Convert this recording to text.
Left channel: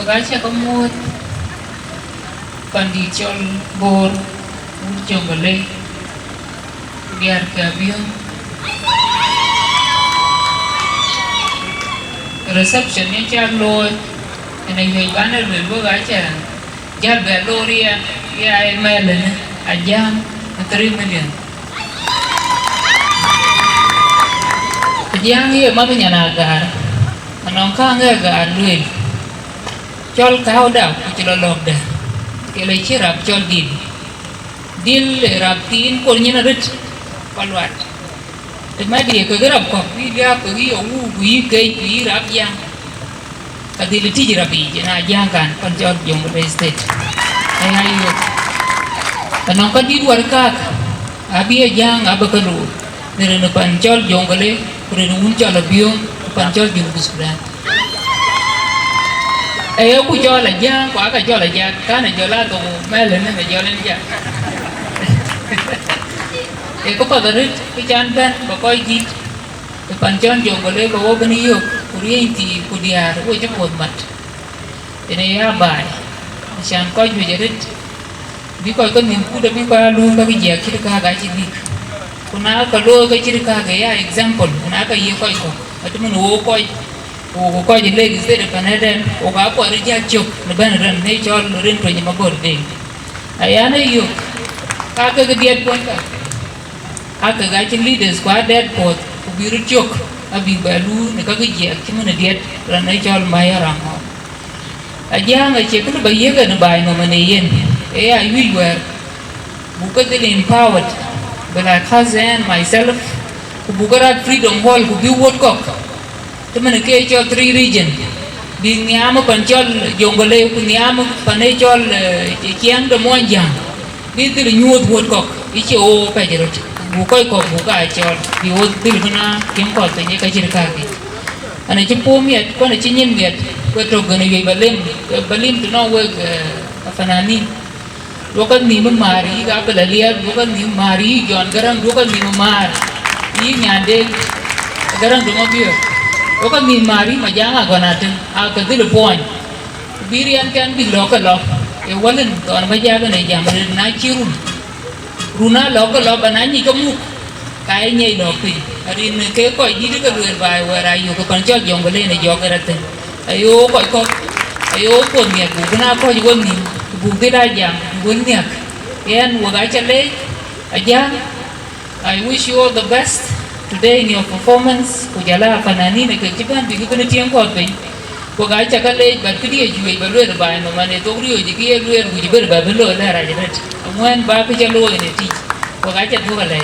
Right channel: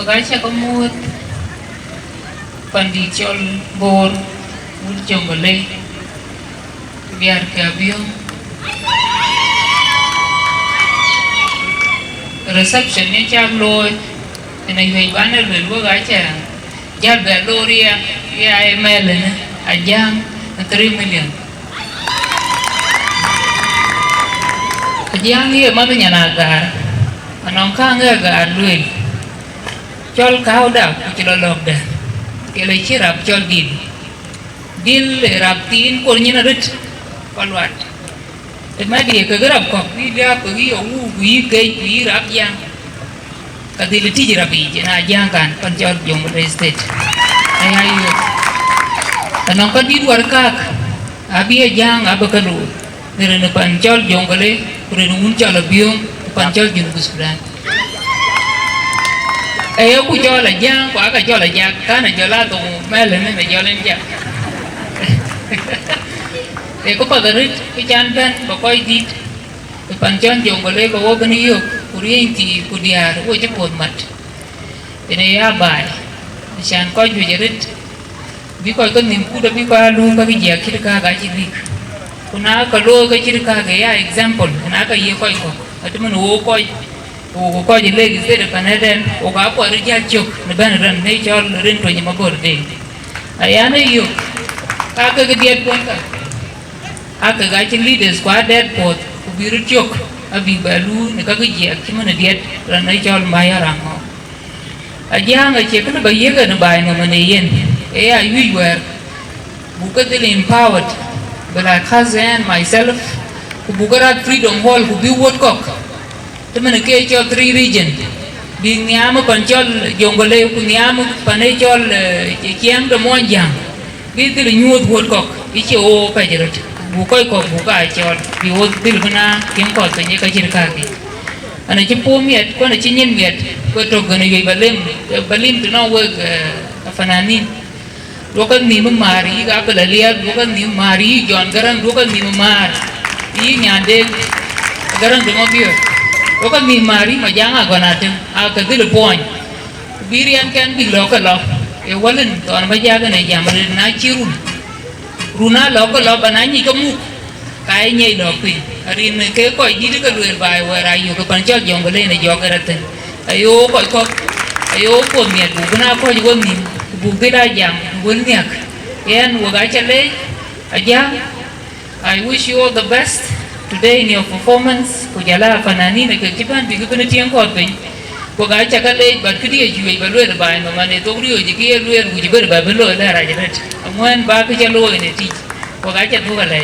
Pagacha Malueth Pandichol Bor Jongole biar ke Abiong reception ni cak loy ini hei banner belu gacha jar belu ria ya Amer ni Ajak terima dia Ajak ni mana nyanagar manongkang agar duit chol kau dah kilo log dah kilo cirap chol dil raptin kolnya narit palwat temadi ke gerap kok dia pergi uwi ke rap yang kadi beti rapi na jangan panjol jong state ayo tanongkan di luar kak abi jang abakadu nere panjol jong kale kurang muncul Abiong panjol jong Sudan ayo ku cho là giang quả cả cho là giang cá này cho lá tù mê lên nên là cho lên giang thì có bao giờ cái chân bên và coi gì thì phần chân dùng vào đây có bao nhiêu của riêng thì của dia của chấp một mặt thì này bài chẳng coi nhiều giờ đấy vì coi con mình cũng đã biết qua luôn các cái gì chỉ cả cái gì còn nào có lô cái chỉ cả cái example nào cái gì coi có ở chỗ mình coi ko je legi sede paneden o ga po rija chok ne ban ran ne chol rin to nyama gorde ayana yo aka ga diet pon ka aka ga chin leaders kwa dead pot ku biru chok abi balu ne ka ga je ak mana diet ran ne chol maya ramo aja nga che ka ba yega ne bai ma mane yen e I we were bukadil empowered but I cousin myself ku bugara freedom hall ku bi wot kok temen ke cho 3 region bin nyama panchol jongole ku nyama panechol chiang do monjang bi dir nyuot hot kok bi che o ka jerot bu koy kok bu ka chol bi o dir bana chiang ko te ka jir ka gi ana chi po miet ko na chi nyen miet ko to gane ye balim to no work afananin lokan ni mari ga ka lalia lokan ni mari jon garang lokan ni mar yi nyande garang do mo biyo oka mi mari majanga gonatin aka dil point birian kan bi lokal e walen to an majaga ne jamre na chirun runa lokal banani kamu kai nyei lokpi arin ke ko ji ka luer bai wara yu ka pan chol jongole ne jogaratin ayo ko ayo ko mi bu na ko ju mi bu bida jam gun nyak yan waga chale aja I wish you all the best today in your performance ko jala fanani ne ke kiban bi ko ne tiang ko pe ko ga cha ka le ba kri ju ba lo ba no mane to ri ji ki lo ru ji ba ba lo la ra ji ret amwan ba ko ja lo ne ti ko ga cha thu ka le